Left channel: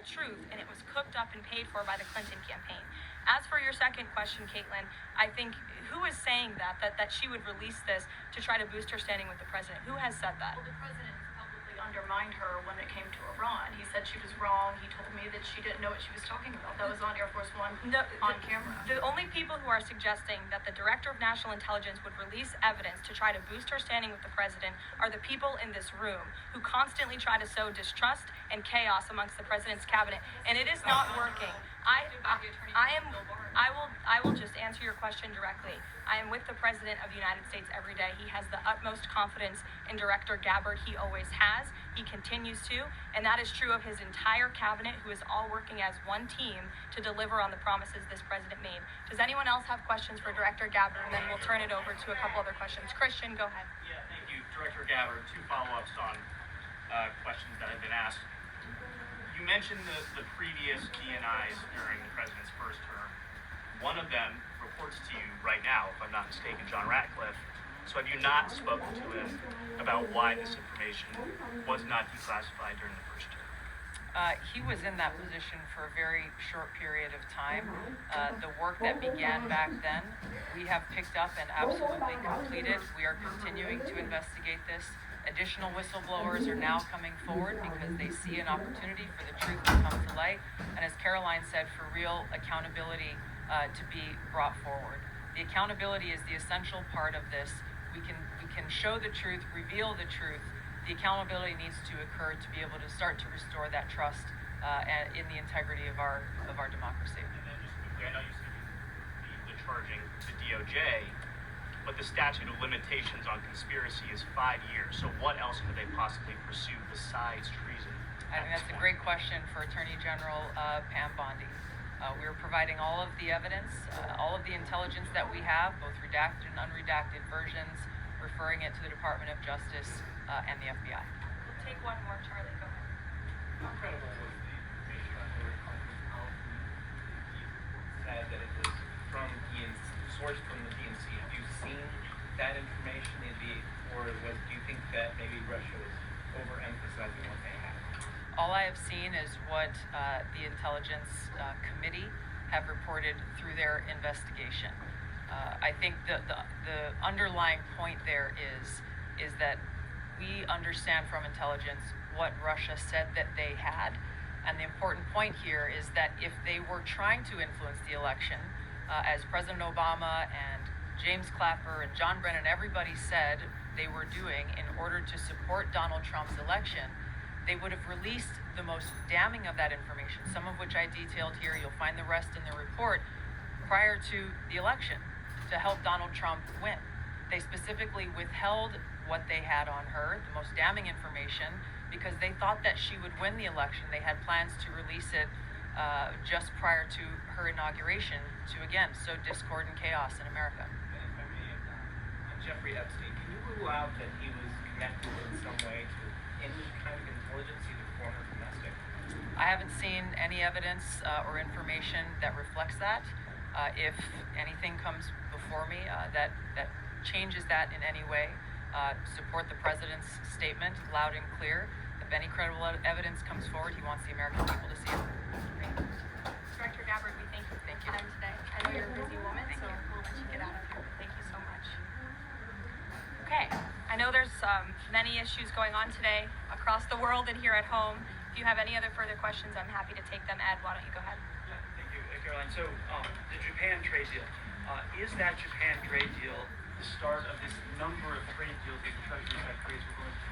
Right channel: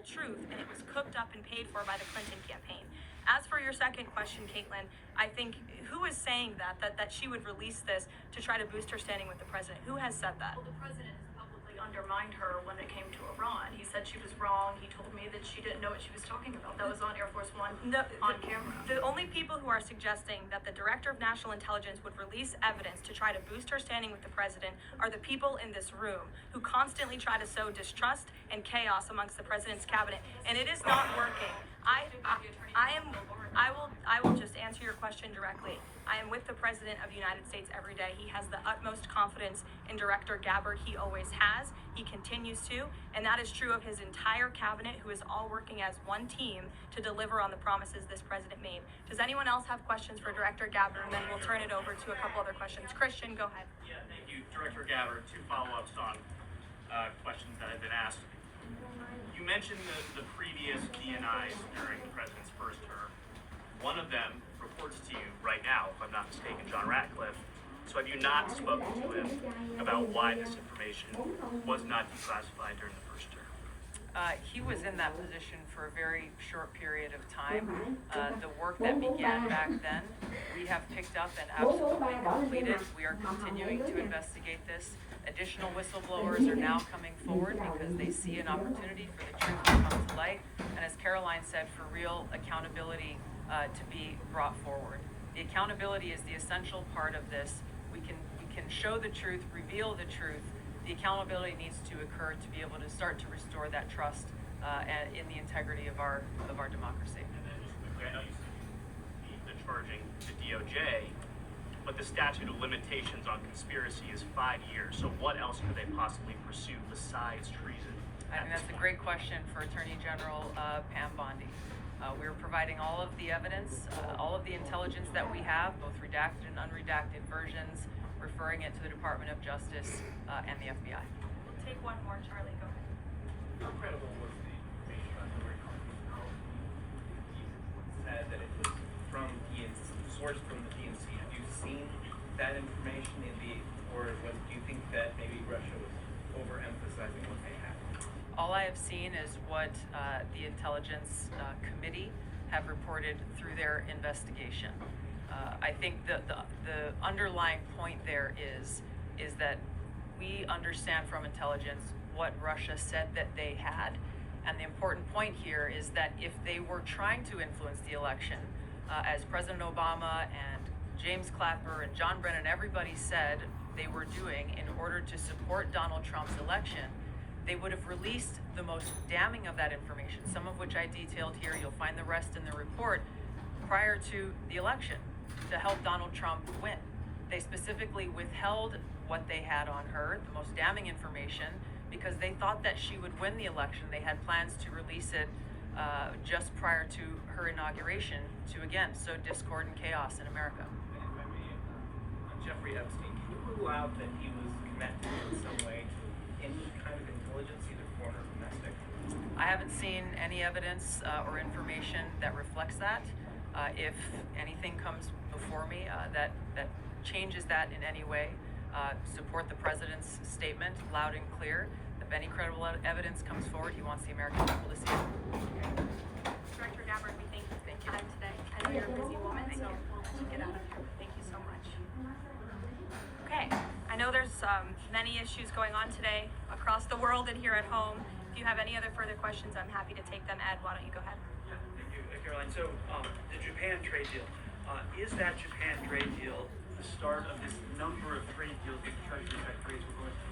actual truth, and it was cooked up and paid for by the Clinton campaign. As for your second question, Caitlin, I think who is saying that she would release this to try to boost her standing with the president? Who has said that? Well, the president has publicly undermined her when it came to Iran. He said she was wrong. He told me that she didn't know what she was talking about. That was on Air Force One on camera. The only people who are suggesting that the Director of National Intelligence would release evidence to try to boost her standing with the president are the people in this room who constantly try to sow distrust and chaos amongst the president's cabinet, and it is not working. I will just answer your question directly. I am with the President of the United States every day. He has the utmost confidence in Director Gabbard. He always has. He continues to. And that is true of his entire cabinet, who is all working as one team to deliver on the promises this president made. Does anyone else have questions for Director Gabbard? And then we'll turn it over to a couple other questions. Christian, go ahead. Yeah, thank you, Director Gabbard. Two follow-ups on questions that have been asked. You mentioned the previous DNIs during the president's first term. One of them reports to you right now, if I'm not mistaken, John Ratcliffe. So have you not spoken to him about why this information was not declassified during the first term? He was in that position for a very short period of time. The work that began back then, we have picked up and absolutely completed. We are continuing to investigate this. Additional whistleblowers are now coming forward because they see an opportunity for the truth to come to light. And as Caroline said, for real accountability to be brought forward. The accountability is the essential part of this. We can show the truth, reveal the truth. The accountability needs to occur to be able to start to restore that trust and in the integrity of our democracy. And then just quickly, I know you said the charging the DOJ, but the statute of limitations on conspiracy is 5 years. So what else could they possibly pursue besides treason? I think that's a great question for Attorney General Pam Bondi. We're providing all of the evidence, all of the intelligence that we have, both redacted and unredacted versions, referring it to the Department of Justice and the FBI. We'll take one more, Charlie. Go ahead. How credible was the information on Hillary Clinton's health? The report said that it was from DNC, sourced from the DNC. Have you seen that information or do you think that maybe Russia was overemphasizing what they had? All I have seen is what the Intelligence Committee have reported through their investigation. I think the underlying point there is that we understand from intelligence what Russia said that they had. And the important point here is that if they were trying to influence the election, as President Obama and James Clapper and John Brennan, everybody said they were doing in order to support Donald Trump's election, they would have released the most damning of that information, some of which I detailed here. You'll find the rest in the report, prior to the election to help Donald Trump win. They specifically withheld what they had on her, the most damning information, because they thought that she would win the election. They had plans to release it just prior to her inauguration to, again, sow discord and chaos in America. And if I may, on Jeffrey Epstein, can you rule out that he was connected in some way to any kind of intelligence, either foreign or domestic? I haven't seen any evidence or information that reflects that. If anything comes before me that changes that in any way, support the president's statement loud and clear. If any credible evidence comes forward, he wants the American people to see it. Great. Director Gabbard, we thank you for your time today. I know you're a busy woman, so we'll let you get out of here. Thank you so much. Okay, I know there's many issues going on today across the world and here at home. If you have any other further questions, I'm happy to take them. Ed, why don't you go ahead? Yeah, thank you, Caroline. So the Japan trade deal, is that Japan trade deal the start of this number of trade deals that the Treasury Secretary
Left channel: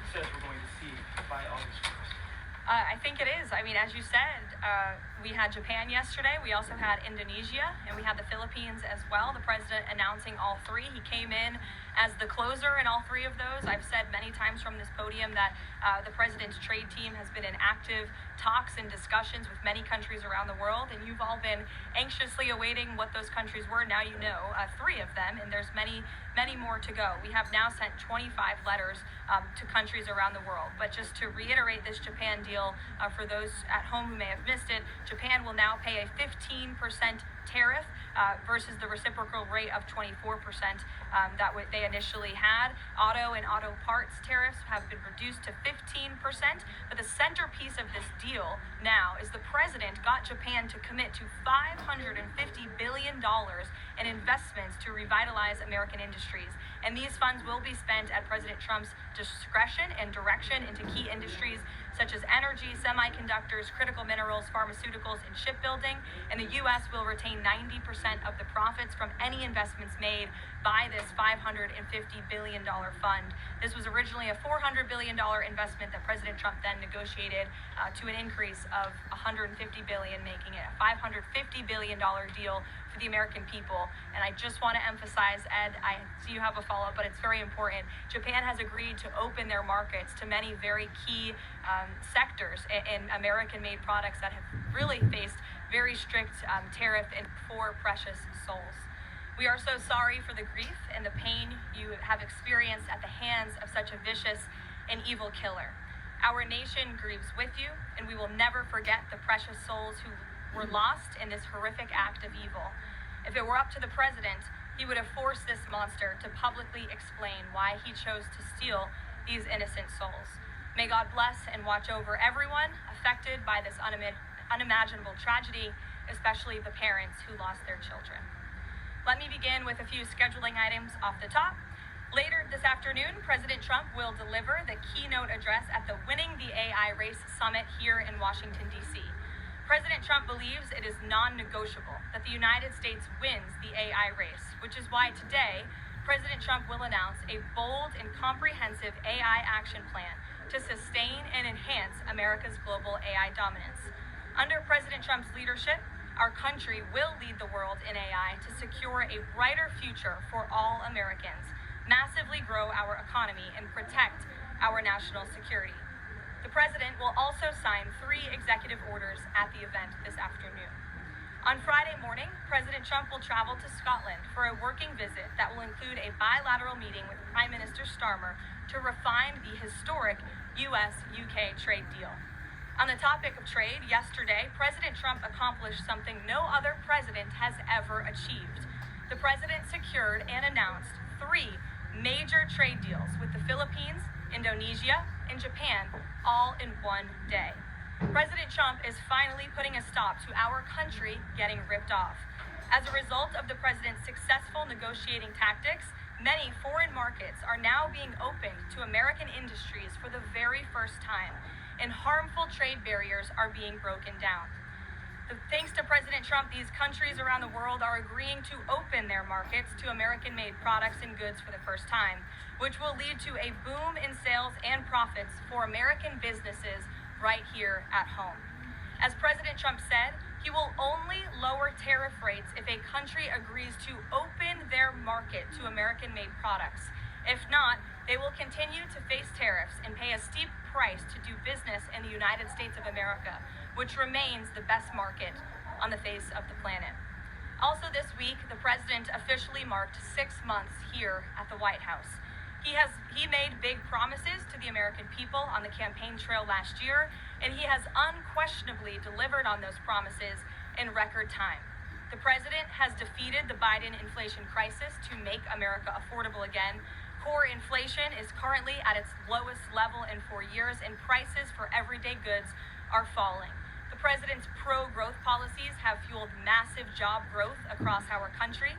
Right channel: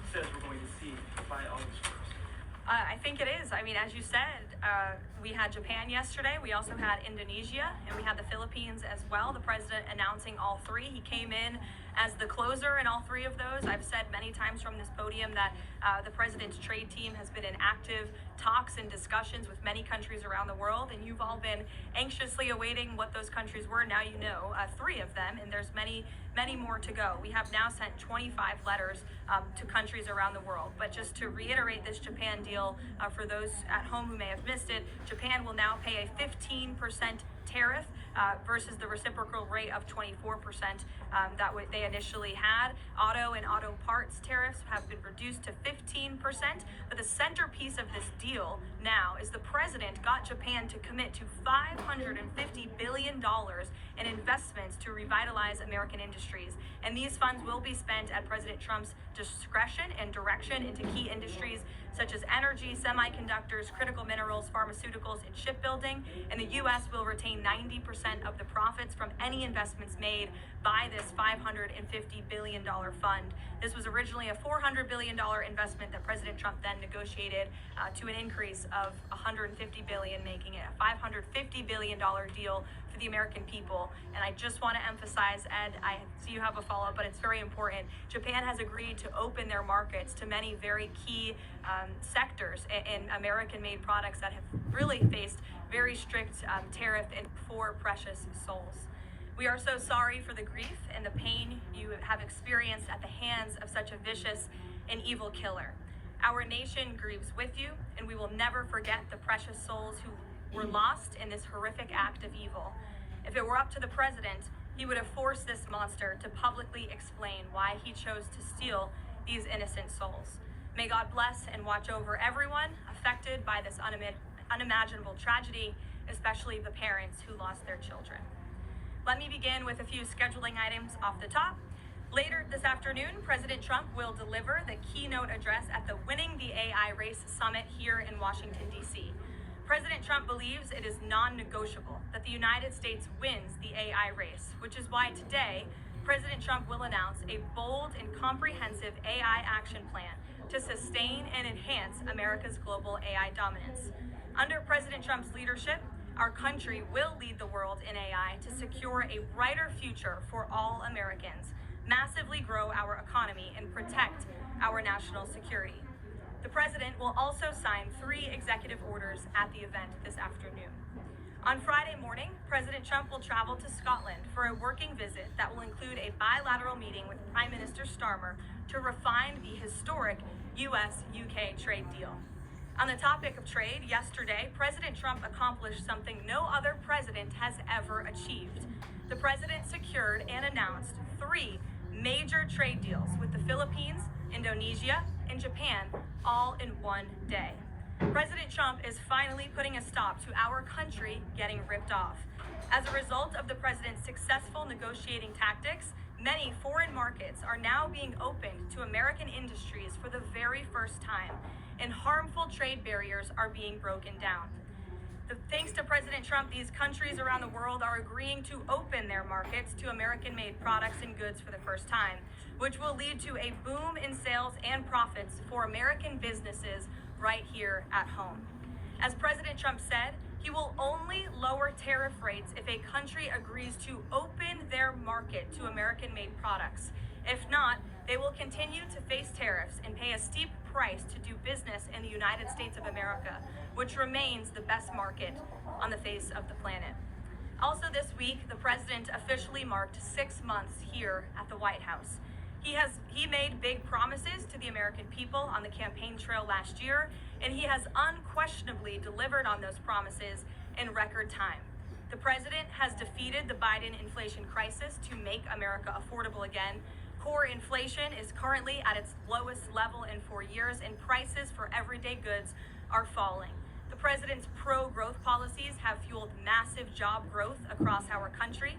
says we're going to see by August 1st? I think it is. I mean, as you said, we had Japan yesterday. We also had Indonesia, and we had the Philippines as well. The president announcing all three. He came in as the closer in all three of those. I've said many times from this podium that the president's trade team has been in active talks and discussions with many countries around the world, and you've all been anxiously awaiting what those countries were. Now you know three of them, and there's many more to go. We have now sent 25 letters to countries around the world. But just to reiterate this Japan deal, for those at home who may have missed it, Japan will now pay a 15% tariff versus the reciprocal rate of 24% that they initially had. Auto and auto parts tariffs have been reduced to 15%. But the centerpiece of this deal now is the president president got Japan to commit to $550 billion in investments to revitalize American industries. And these funds will be spent at President Trump's discretion and direction into key industries such as energy, semiconductors, critical minerals, pharmaceuticals, and shipbuilding. And the U.S. will retain 90% of the profits from any investments made by this $550 billion fund. This was originally a $400 billion investment that President Trump then negotiated to an increase of $150 billion, making it a $550 billion deal for the American people. And I just want to emphasize, Ed, I see you have a follow-up, but it's very important. Japan has agreed to open their markets to many very key sectors in American-made products that have really faced very strict tariff and for precious souls. We are so sorry for the grief and the pain you have experienced at the hands of such a vicious and evil killer. Our nation grieves with you, and we will never forget the precious souls who were lost in this horrific act of evil. If it were up to the president, he would have forced this monster to publicly explain why he chose to steal these innocent souls. May God bless and watch over everyone affected by this unimaginable tragedy, especially the parents who lost their children. Let me begin with a few scheduling items off the top. Later this afternoon, President Trump will deliver the keynote address at the Winning the AI Race Summit here in Washington, D.C. President Trump believes it is non-negotiable that the United States wins the AI race, which is why today, President Trump will announce a bold and comprehensive AI action plan to sustain and enhance America's global AI dominance. Under President Trump's leadership, our country will lead the world in AI to secure a brighter future for all Americans, massively grow our economy, and protect our national security. The president will also sign 3 executive orders at the event this afternoon. On Friday morning, President Trump will travel to Scotland for a working visit that will include a bilateral meeting with Prime Minister Starmer to refine the historic US-UK trade deal. On the topic of trade, yesterday, President Trump accomplished something no other president has ever achieved. The president secured and announced 3 major trade deals with the Philippines, Indonesia, and Japan, all in one day. President Trump is finally putting a stop to our country getting ripped off. As a result of the president's successful negotiating tactics, many foreign markets are now being opened to American industries for the very first time, and harmful trade barriers are being broken down. Thanks to President Trump, these countries around the world are agreeing to open their markets to American-made products and goods for the first time, which will lead to a boom in sales and profits for American businesses right here at home. As President Trump said, he will only lower tariff rates if a country agrees to open their market to American-made products. If not, they will continue to face tariffs and pay a steep price to do business in the United States of America, which remains the best market on the face of the planet. Also this week, the president officially marked 6 months here at the White House. He made big promises to the American people on the campaign trail last year, and he has unquestionably delivered on those promises in record time. The president has defeated the Biden inflation crisis to make America affordable again. Core inflation is currently at its lowest level in 4 years, and prices for everyday goods are falling. The president's pro-growth policies have fueled massive job growth across our country.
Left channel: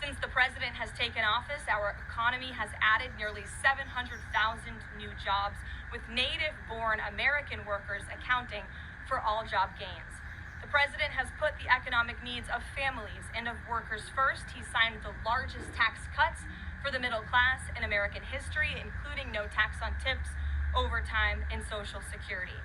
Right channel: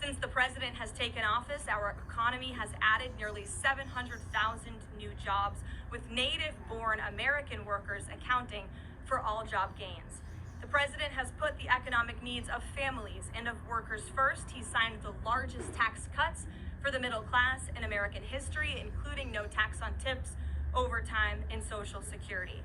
Since the president has taken office, our economy has added nearly 700,000 new jobs, with native-born American workers accounting for all job gains. The president has put the economic needs of families and of workers first. He signed the largest tax cuts for the middle class in American history, including no tax on tips, overtime, and Social Security.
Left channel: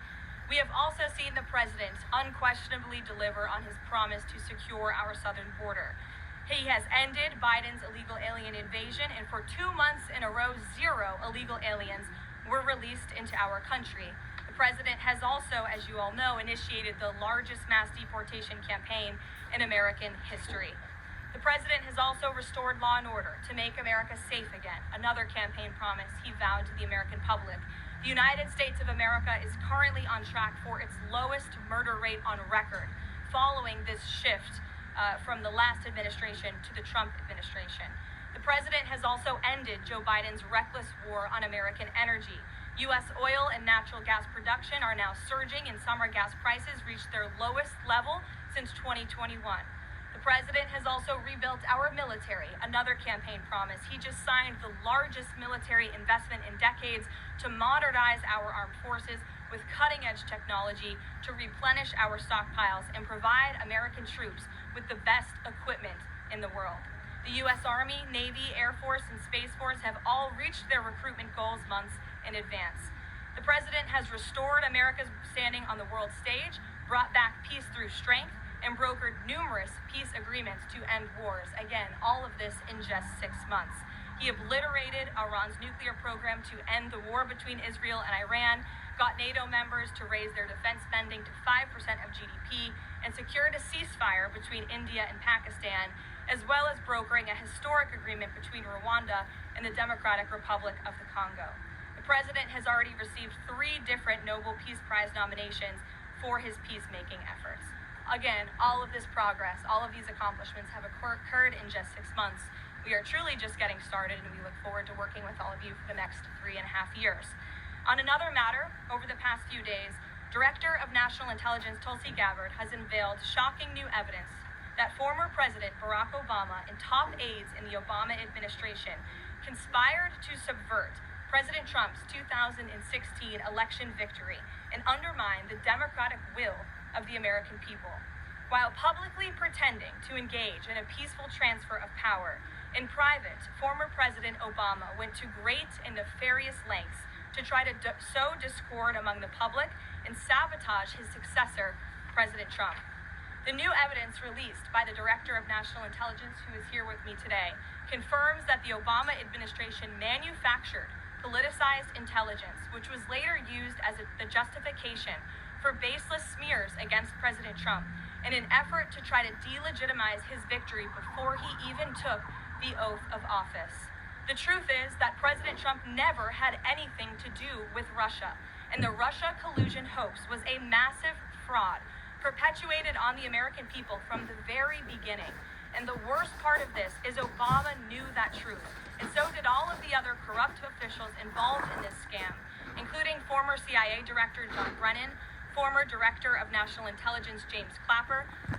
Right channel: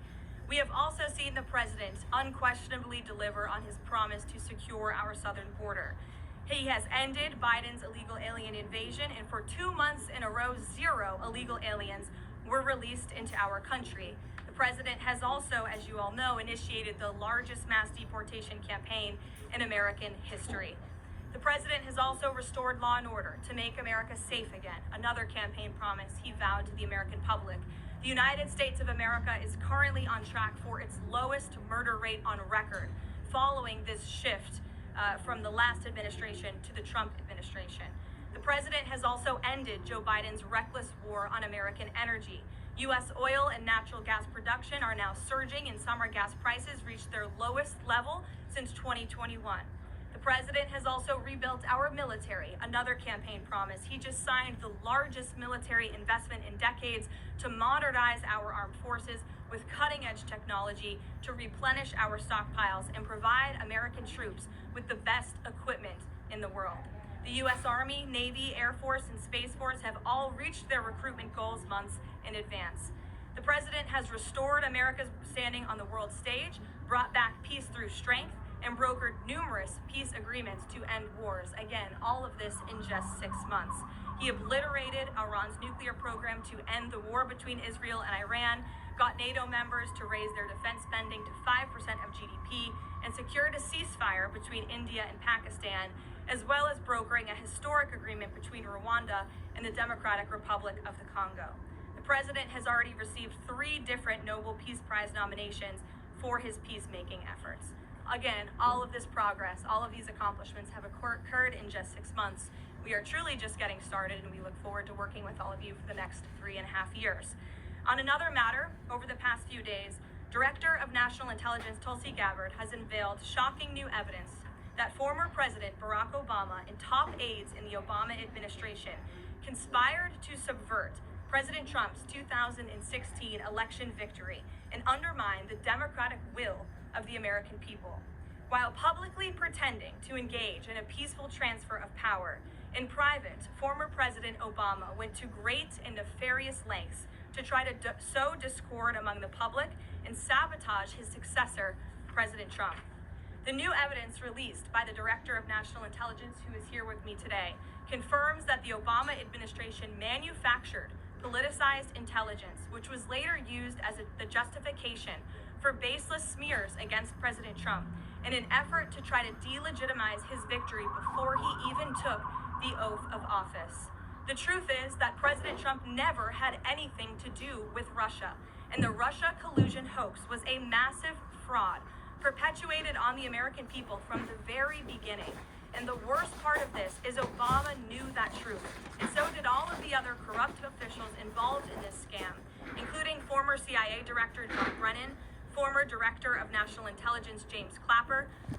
We have also seen the president unquestionably deliver on his promise to secure our southern border. He has ended Biden's illegal alien invasion, and for 2 months in a row, 0 illegal aliens were released into our country. The president has also, as you all know, initiated the largest mass deportation campaign in American history. The president has also restored law and order to make America safe again, another campaign promise he vowed to the American public. The United States of America is currently on track for its lowest murder rate on record, following this shift from the last administration to the Trump administration. The president has also ended Joe Biden's reckless war on American energy. U.S. oil and natural gas production are now surging, and summer gas prices reached their lowest level since 2021. The president has also rebuilt our military, another campaign promise. He just signed the largest military investment in decades to modernize our armed forces with cutting-edge technology to replenish our stockpiles and provide American troops with the best equipment in the world. The U.S. Army, Navy, Air Force, and Space Force have all reached their recruitment goals months in advance. The president has restored America's standing on the world stage, brought back peace through strength, and brokered numerous peace agreements to end wars. Again, all of this in just 6 months. He obliterated Iran's nuclear program to end the war between Israel and Iran, got NATO members to raise their defense spending to 5% of GDP, and secured a ceasefire between India and Pakistan, as well as brokering a historic agreement between Rwanda and the Democratic Republic of the Congo. The president has already received 3 different Nobel Peace Prize nominations for his peacemaking efforts. Again, all of this progress, all of these accomplishments have occurred in just 6 months. We are truly just getting started, and we look forward to working with all of you for the next 3.5 years. On another matter, over the past few days, Director of National Intelligence Tulsi Gabbard has unveiled shocking new evidence that former President Barack Obama and top aides in the Obama administration conspired to subvert President Trump's 2016 election victory and undermine the democratic will of the American people. While publicly pretending to engage in a peaceful transfer of power, in private, former President Obama went to great and nefarious lengths to try to sow discord among the public and sabotage his successor, President Trump. The new evidence released by the Director of National Intelligence, who is here with me today, confirms that the Obama administration manufactured politicized intelligence, which was later used as the justification for baseless smears against President Trump in an effort to try to delegitimize his victory before he even took the oath of office. The truth is that President Trump never had anything to do with Russia, and the Russia collusion hoax was a massive fraud perpetuated on the American people from the very beginning. And the worst part of this is Obama knew that truth, and so did all of the other corrupt officials involved in this scam, including former CIA Director John Brennan, former Director of National Intelligence James Clapper,